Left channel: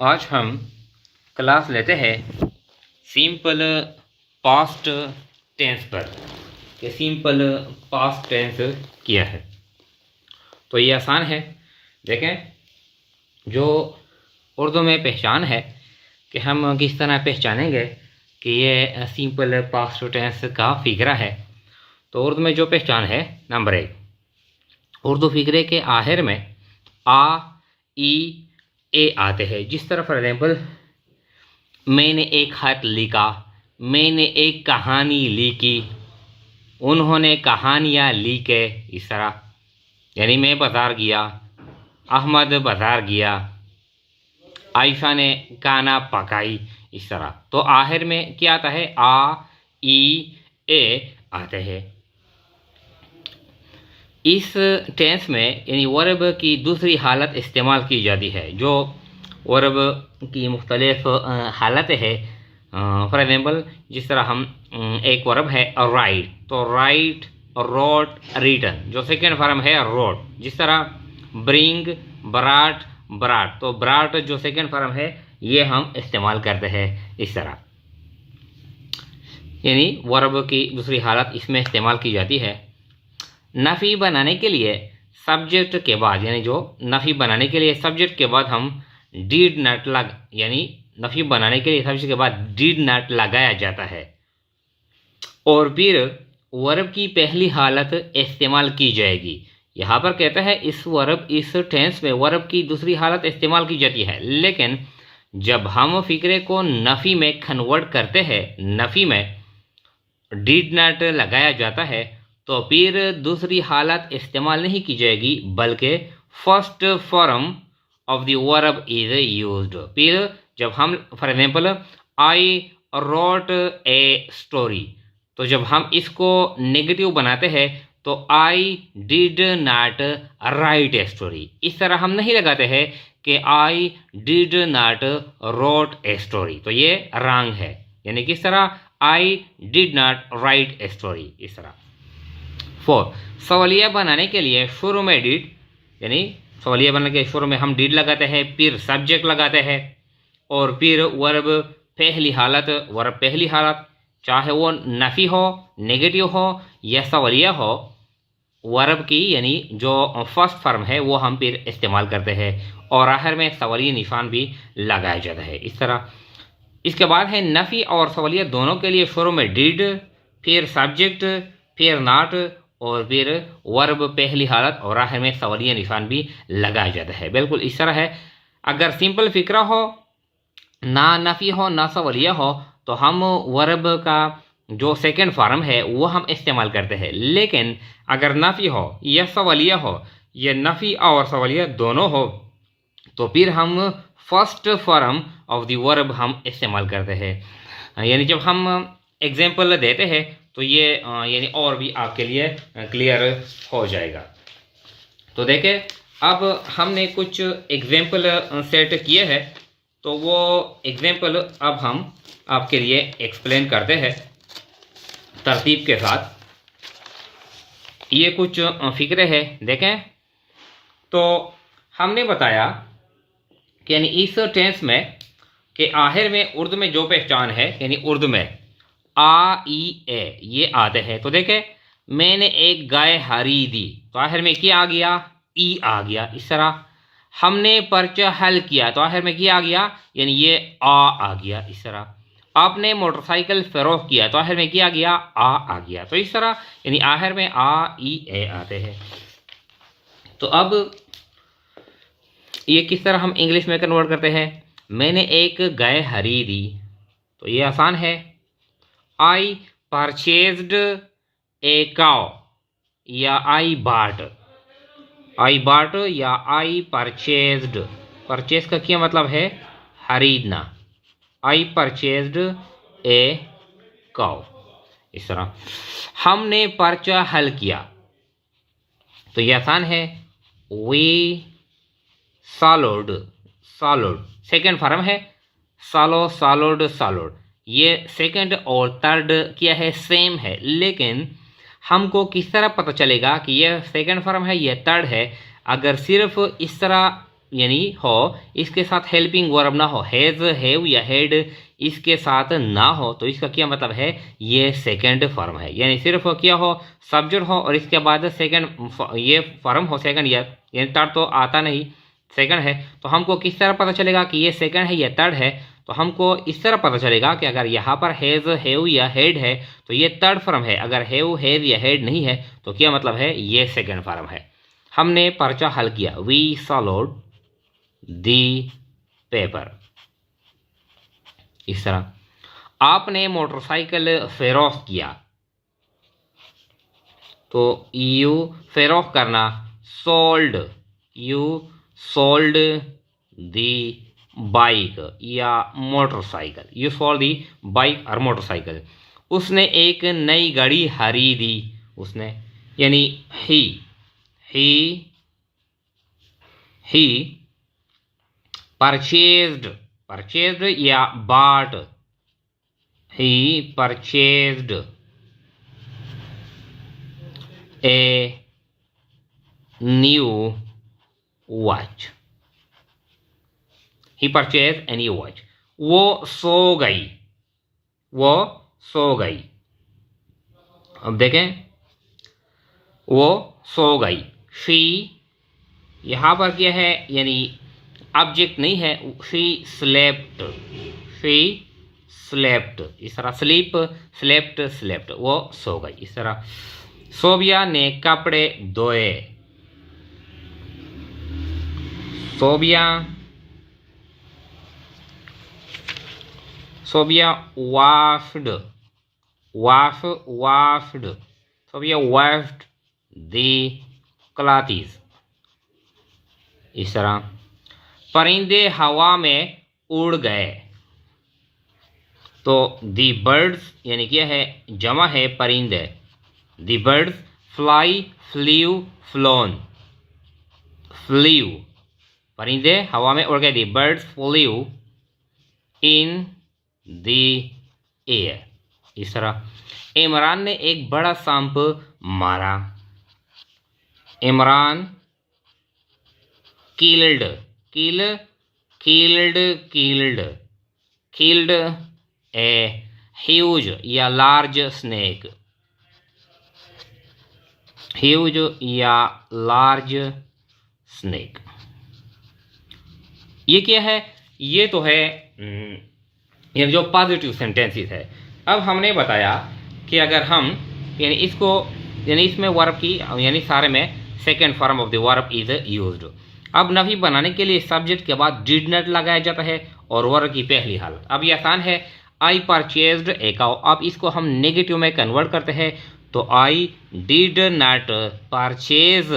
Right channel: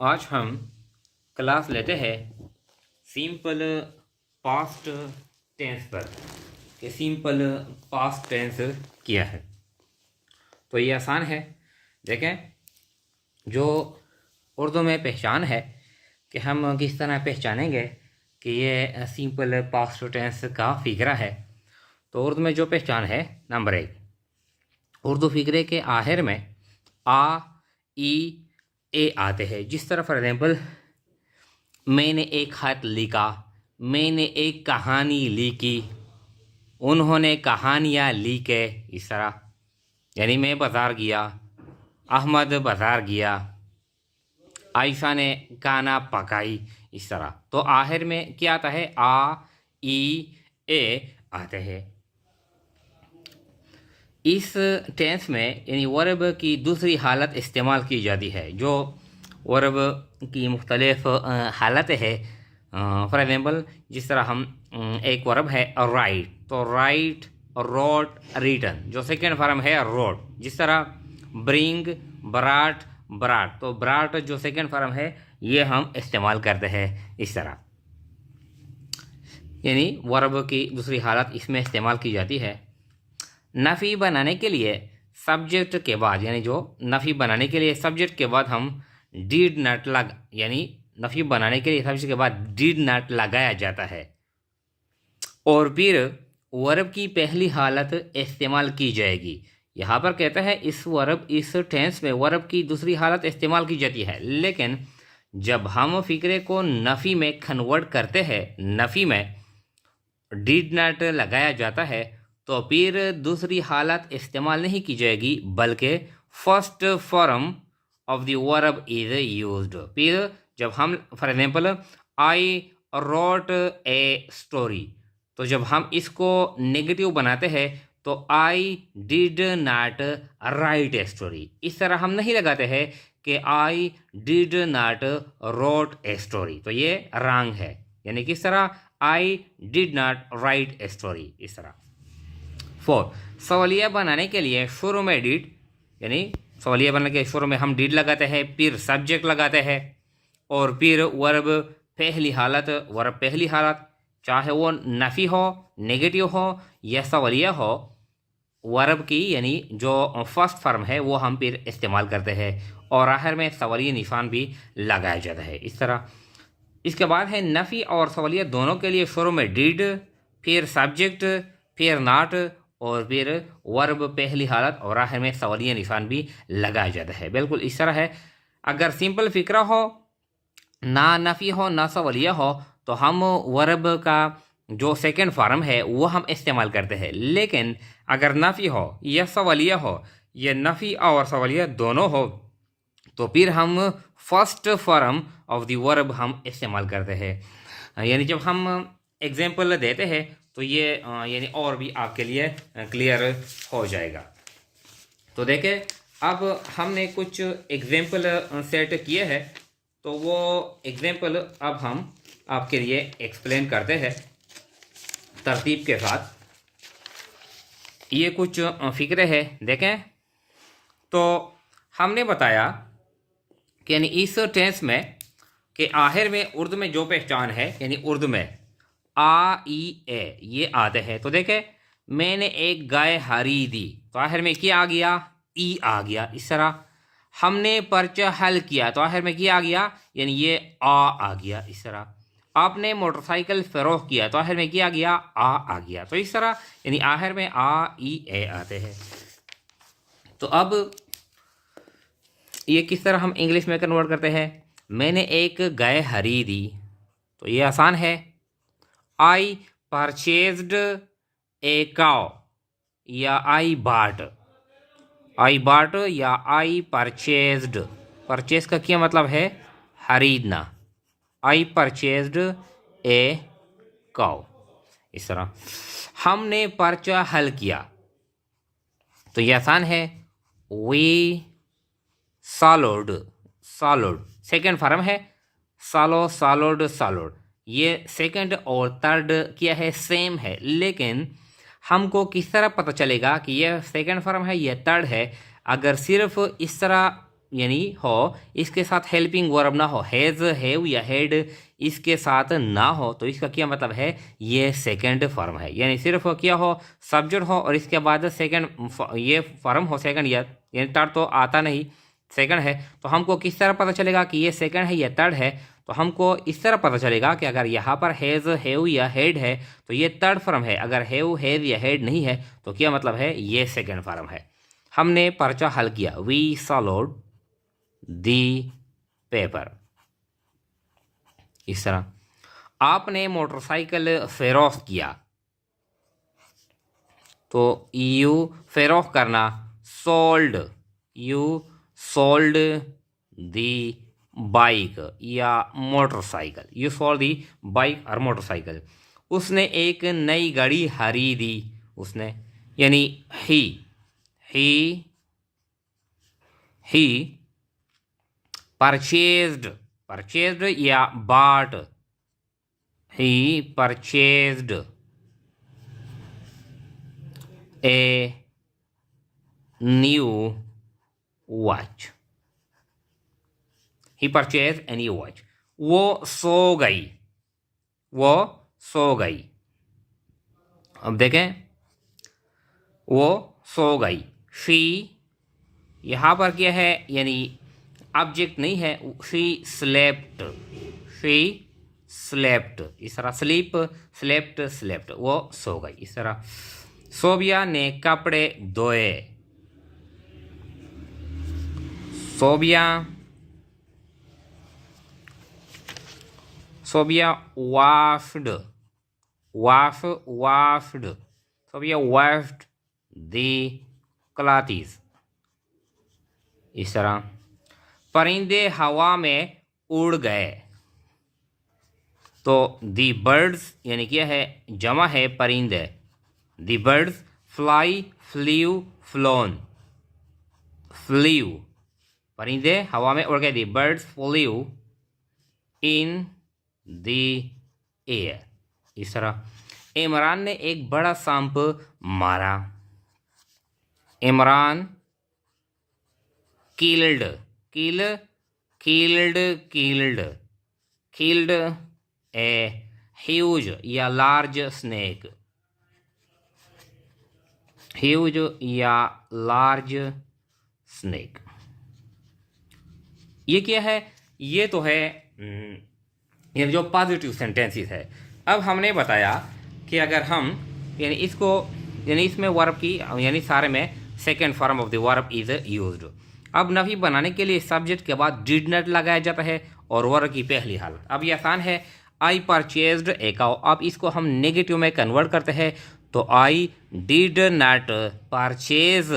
आज हम क्लास लेते हैं सिंपल पास्ट टेंस पर कि सिंपल पास्ट टेंस क्या है। तो ये आसान है। देखें, जो उर्दू में पहचान है कि हम किस तरह पहचानेंगे कि ये सिंपल पास्ट टेंस का फिक्रा है। तो उर्दू में जो पहचान है, नंबर 1, उर्दू फिक्रे के आखिर में आ, ई, ए आते हैं। जिस तरह फॉर एग्जाम्पल, मैंने एक खत लिखा, मैंने एक कहानी लिखी, उन्होंने कहानियाँ लिखे, इस तरह। यानी मैं बाज़ार गया, अहमद बाज़ार गया, आयशा ने खाना पकाई, इस तरह। तो आखिर में क्या आता है? आ, ई, ए आते हैं। इस टेंस में यानी वर्ब की दूसरी हालत इस्तेमाल की जाती है। जो वर्ब की मुख्तलिफ हालतें हैं, फॉर एग्ज़ाम्पल जिस तरह हम एक वर्ब है राइट, तो राइट, रोट, रिटन, जो सेकेंड फॉर्म है रोट। जिस तरह ब्रिंग, बराट, बराट, तो बराट जो सेकेंड फॉर्म है ये हम इस्तेमाल करते हैं इस तरह। यानी वर्ब की दूसरी हालत इसमें इस्तेमाल की जाती है। नफ़ी बनाने के लिए सब्जेक्ट के बाद, यानी जो नफ़ी बनाने के लिए सब्जेक्ट के बाद हम डीड नॉट लग, यानी नफ़ी बनाने के लिए सब्जेक्ट के बाद डीड नॉट लगाया जाता है और फिर वर्ब की पहली हालत इस्तेमाल की जाएगी। यहाँ पर कहता है इस टेंस में वर्ब की दूसरी हालत इस्तेमाल की जाती है, लेकिन जब हम फिक्रे को नफ़ी में कन्वर्ट करते हैं, नफ़ी में डीड नॉट लगाया जाता है, तो फिर दूसरी हालत इस्तेमाल नहीं की जाएगी, बल्कि first form of the verb is used. फिर जब हम for example I wrote a story, तो जब हम इसको नेगेटिव बनाते हैं तो I did not right a story, इस तरह हम नहीं लगाते हैं कि आई did not wrote a story, तो ये रॉन्ग है। यानी किस तरह? आई did not right a story, इस तरह। 4, सवालिया बनाने के लिए शुरू में डिड, यानी सवालिया बनाने के शुरू में हम डिड लगाते हैं, फिर सब्जेक्ट लगाते हैं और फिर वर्ब पहली हालत, चाहे वो नफ़ी हो, नेगेटिव हो या सवालिया हो, वर्ब की यानी जो फर्स्ट फॉर्म है वो हम फिर इस्तेमाल करते हैं और आखिर में सवालिया निशान भी लगाया जाता है इस तरह। इसके बाद है नफ़ी और सवालिया दोनों के लिए शुरू में डिड, फिर सब्जेक्ट, फिर नॉट और फिर वर्ब पहली हालत और आखिर में सवालिया निशान भी लगाया जाता है। बिल्कुल इस तरह है। अगर सिंपल फिक्रा हो, ना नफ़ी हो ना सवालिया हो, तो हम वर्ब का जो सेकंड फॉर्म है वो हम इस्तेमाल करते हैं। लेकिन अगर नफ़ी हो या सवालिया हो या नफ़ी और सवालिया दोनों हो, तो फिर हम first form of the verb हम इस्तेमाल करते हैं। यानी जब हम एग्जाम्पल देते हैं तो ये यानी और भी आपके लिए क्लियर हो जाएगा। तो देखें, अब हमने कुछ एग्जाम्पल सेट किए हैं, तो वो एग्जाम्पल अब हम आपके लिए एक्सप्लेन करते हैं तरतीब के साथ। ये कुछ फिक्रे हैं, देखें। तो हमने बताया कि यानी इस टेंस में के आखिर में उर्दू में जो पहचान है, यानी उर्दू में आ, ई, ए ये आते हैं। तो देखें, मैंने एक गाय खरीदी, तो आखिर में क्या आ गया? ई आ गया, इस तरह। हमने पर्चा हल किया, तो आखिर में क्या आ गया? यानी ये आ गया, इस तरह। आपने मोटरसाइकिल फरोख्त किया, तो आखिर में क्या आ गया? आ गया। तो इस तरह यानी आखिर में आ, ई, ए आते हैं। तो अब ये किस तरह हम इंग्लिश में कन्वर्ट करते हैं? मैंने एक गाय खरीदी, तो ये आसान है। आई परचेज्ड ए काउ या आई बाट या आई परचेज्ड। परचेज का क्या मतलब है? खरीदना। आई परचेज्ड ए काउ, इस तरह। हमने पर्चा हल किया, तो ये आसान है। वी सॉल्व्ड, सेकेंड फॉर्म है सॉल्व्ड। ये सेकंड और थर्ड क्या है? सेम है, लेकिन हमको किस तरह पता चलेगा कि यह सेकंड फॉर्म है या थर्ड है? अगर सिर्फ इस तरह यानी हो, इसके साथ हेल्पिंग वर्ब ना हो, हैज़, हैव या हैड इसके साथ ना हो, तो इसका क्या मतलब है, ये सेकंड फॉर्म है। यानी सिर्फ क्या हो, सब्जेक्ट हो और इसके बाद सेकंड ये फॉर्म हो सेकंड यानी थर्ड तो आता नहीं, सेकंड है। तो हमको किस तरह पता चलेगा कि ये सेकंड है या थर्ड है, तो हमको इस तरह पता चलेगा कि अगर यहाँ पर हैज़, हैव या हैड है तो ये थर्ड फॉर्म है, अगर हैव, हैव या हैड नहीं है तो क्या मतलब है, ये सेकंड फॉर्म है। हमने पर्चा हल किया, वी सॉल्व्ड दी पेपर। इस तरह आपने मोटरसाइकिल फेरोख्त किया, तो यू फेरोख्त करना, sold, you sold the bike या motorcycle, you sold the bike और मोटरसाइकिल। उसने एक नई गाड़ी खरीदी, उसने यानी ही परचेज्ड, परचेज्ड या bought, he purchased a new watch, he purchased a new watch। वो सो गई, वो सो गई। अब देखें, वो सो गई। शी यहाँ पर क्या है, यानी ऑब्जेक्ट नहीं है, शी स्लेप्ट, शी स्लेप्ट। इस तरह स्लीप, स्लेप्ट, स्लेप्ट, वो सो गई। इस तरह सोबिया ने कपड़े धोए, Sobia, Sobia washed, washed, Sobia washed the clothes. इस तरह परिंदे हवा में उड़ गए, तो दी बर्ड्स यानी क्या है, जमा है परिंदे, the birds fly, flew, flown, flew, परिंदे हवा में उड़ गए, the birds flew in the air. इस तरह इमरान ने एक बड़ा सांप मारा, Imran killed, killed a huge या लार्ज स्नेक, ह्यूज या लार्ज स्नेक। ये क्या है, ये तो है ये जो पॉजिटिव सेंटेंसेस है। अब हमने बताया कि अगर हम यानी इसको यानी इसमें वर्ब की यानी सारे में second form of the verb is used. अब नफी बनाने के लिए सब्जेक्ट के बाद डिड नॉट लगाया जाता है और वर्ब की पहली हालत। अब ये आसान है, आई परचेज्ड ए काउ। अब इसको हम नेगेटिव में कन्वर्ट करते हैं, तो आई डिड नॉट परचेज,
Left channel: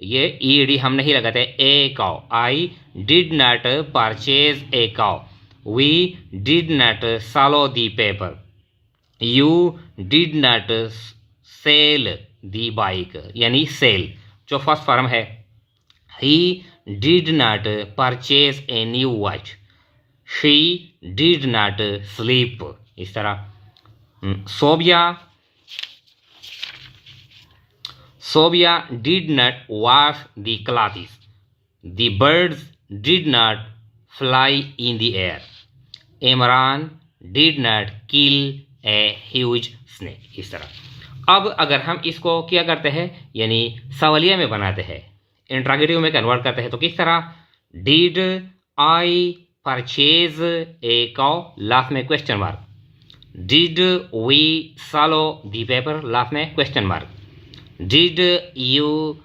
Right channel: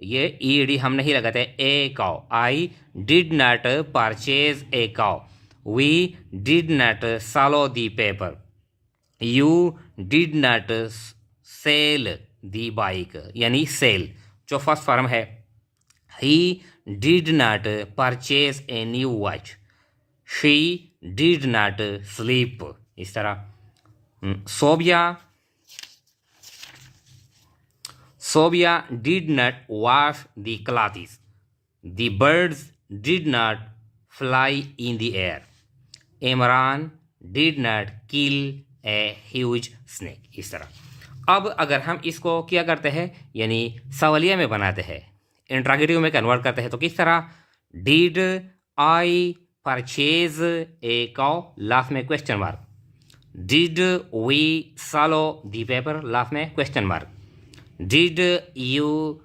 ये ईडी हम नहीं लगाते, a cow, I did not purchase a cow, we did not solve the paper, you did not sell the bike, यानी सेल जो फर्स्ट फॉर्म है। He did not purchase a new watch, she did not sleep. इस तरह Sobia did not wash the clothes, the birds did not fly in the air, Imran did not kill a huge snake. इस तरह अब अगर हम इसको क्या करते हैं यानी सवालिया में बनाते हैं, इंट्रागेटिव में कन्वर्ट करते हैं, तो किस तरह, did I purchase a cow, last में question mark, did we solve the paper, last में question mark, did you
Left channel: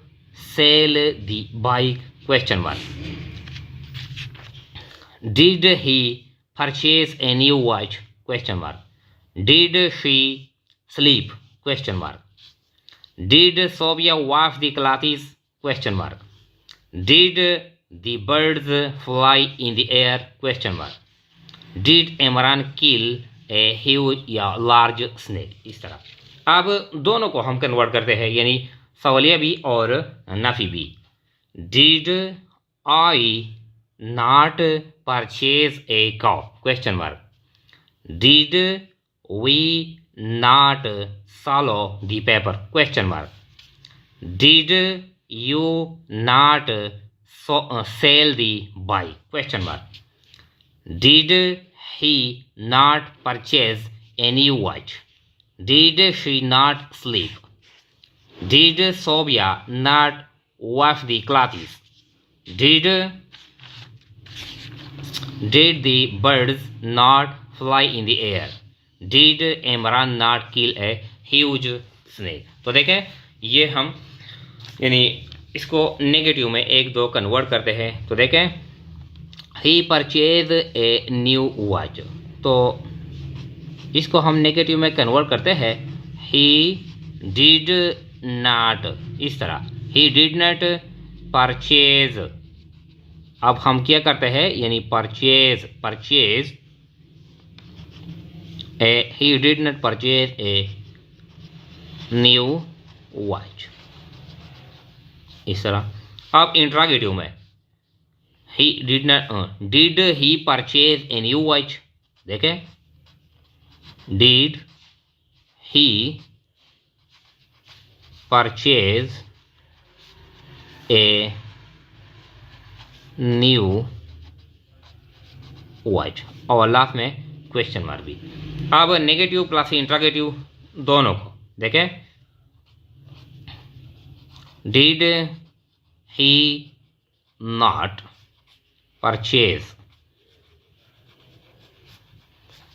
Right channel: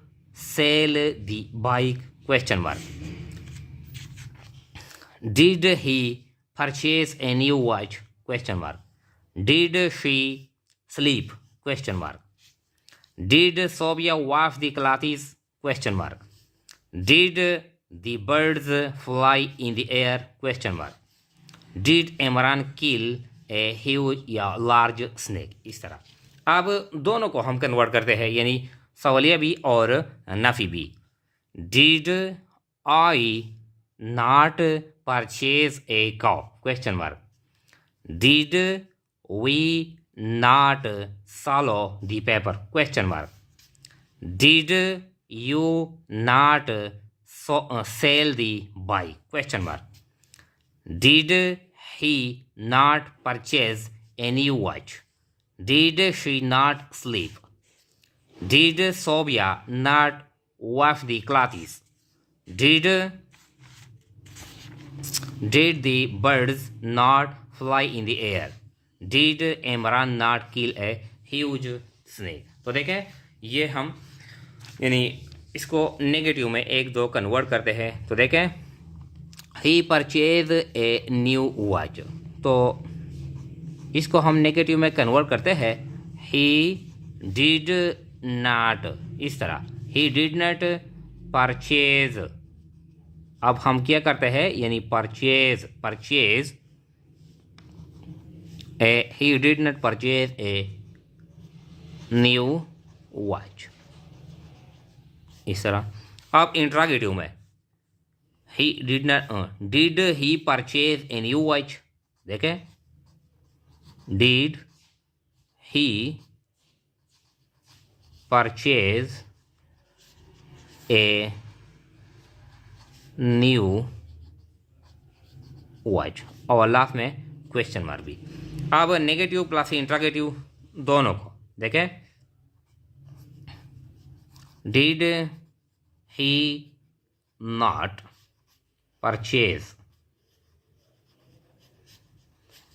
sell the bike, question mark, did he purchase a new watch, question mark, did she sleep, question mark, did Sobia wash the clothes, question mark, did the birds fly in the air, question mark, did Imran kill a huge या large snake. इस तरह अब दोनों को हम convert करते हैं यानी सवालिया भी और नफी भी। Did I not purchase a cow, question mark, did we not solve the paper, question mark, did you not sell the buy? Question mark. Did he not purchase a new watch? Did she not sleep? Did Sobia not wash the clothes? Did the birds not fly in the air? Did Imran not kill a huge snake? तो देखें ये हम यानी इसको negative में एक दो convert करते हैं। तो देखें ही परचेज ए न्यू वॉच, तो इसको हम नेगेटिव में कन्वर्ट करते हैं ही डिड नॉट, इस तरह ही डिड नॉट परचेज। अब हम क्या करते हैं यानी purchase a, he did not purchase a new watch, इस तरह। अब इंट्रागेटिव में he did not, did he purchase a new watch? देखें did he purchase a new watch, और लास्ट में क्वेश्चन मार्क भी। अब नेगेटिव प्लस इंट्रागेटिव दोनों को देखें did he not purchase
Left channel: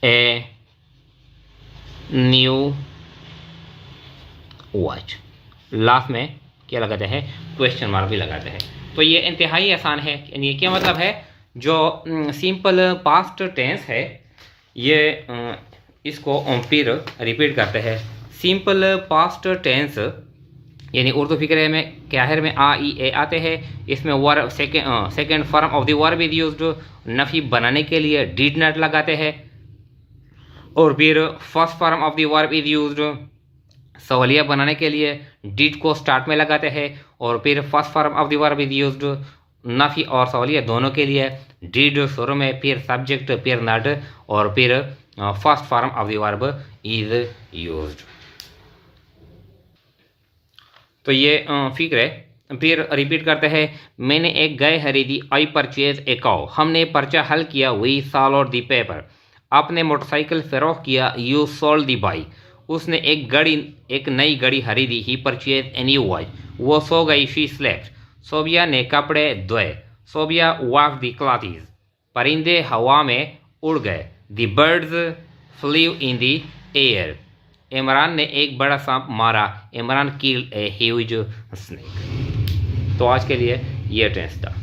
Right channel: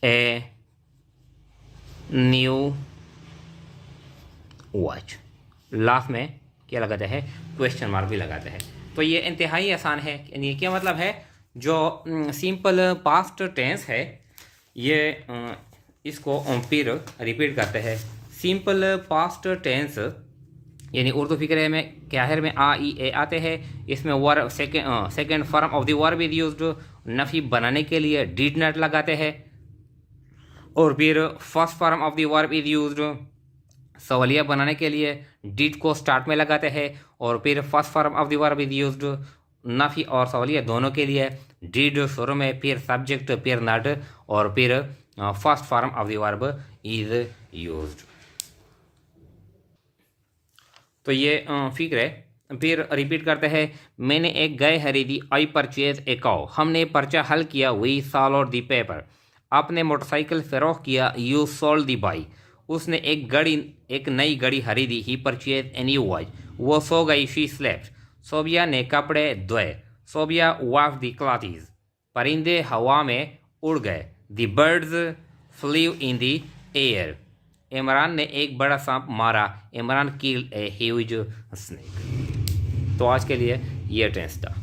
a new watch, last में क्या लगाते हैं क्वेश्चन मार्क भी लगाते हैं। तो ये इंतहाई आसान है। यानी क्या मतलब है, जो सिंपल पास्ट टेंस है ये इसको फिर रिपीट करते हैं। सिंपल पास्ट टेंस यानी उर्दू फिक्रे में काहिर में आ ई ए आते हैं, इसमें verb second form of the verb is used, नफ़ी बनाने के लिए डिड नॉट लगाते हैं, और फिर first form of the verb is used, सवालिया बनाने के लिए डिड को स्टार्ट में लगाते हैं, और फिर first form of the verb is used, नफ़ी और सवालिया दोनों के लिए डिड शुरू में, फिर सब्जेक्ट, फिर नॉट, और फिर first form of the verb is used. तो ये फिक्र है। फिर रिपीट करते हैं मैंने एक गाय खरीदी, आई परचेज ए काउ, हमने पर्चा हल किया, वी सॉल्ड द पेपर, आपने मोटरसाइकिल फरोख्त किया, यू सोल्ड द बाइक, उसने एक नई घड़ी खरीदी, ही परचेज ए न्यू वॉच, वो सो गई, शी स्लेप्ट, सोबिया ने कपड़े धोए, सोबिया वॉश द क्लॉथ्स, परिंदे हवा में उड़ गए, the birds flew in the air, Imran ने एक बड़ा सांप मारा, Imran killed a huge snake. तो आज के लिए ये टेंस था।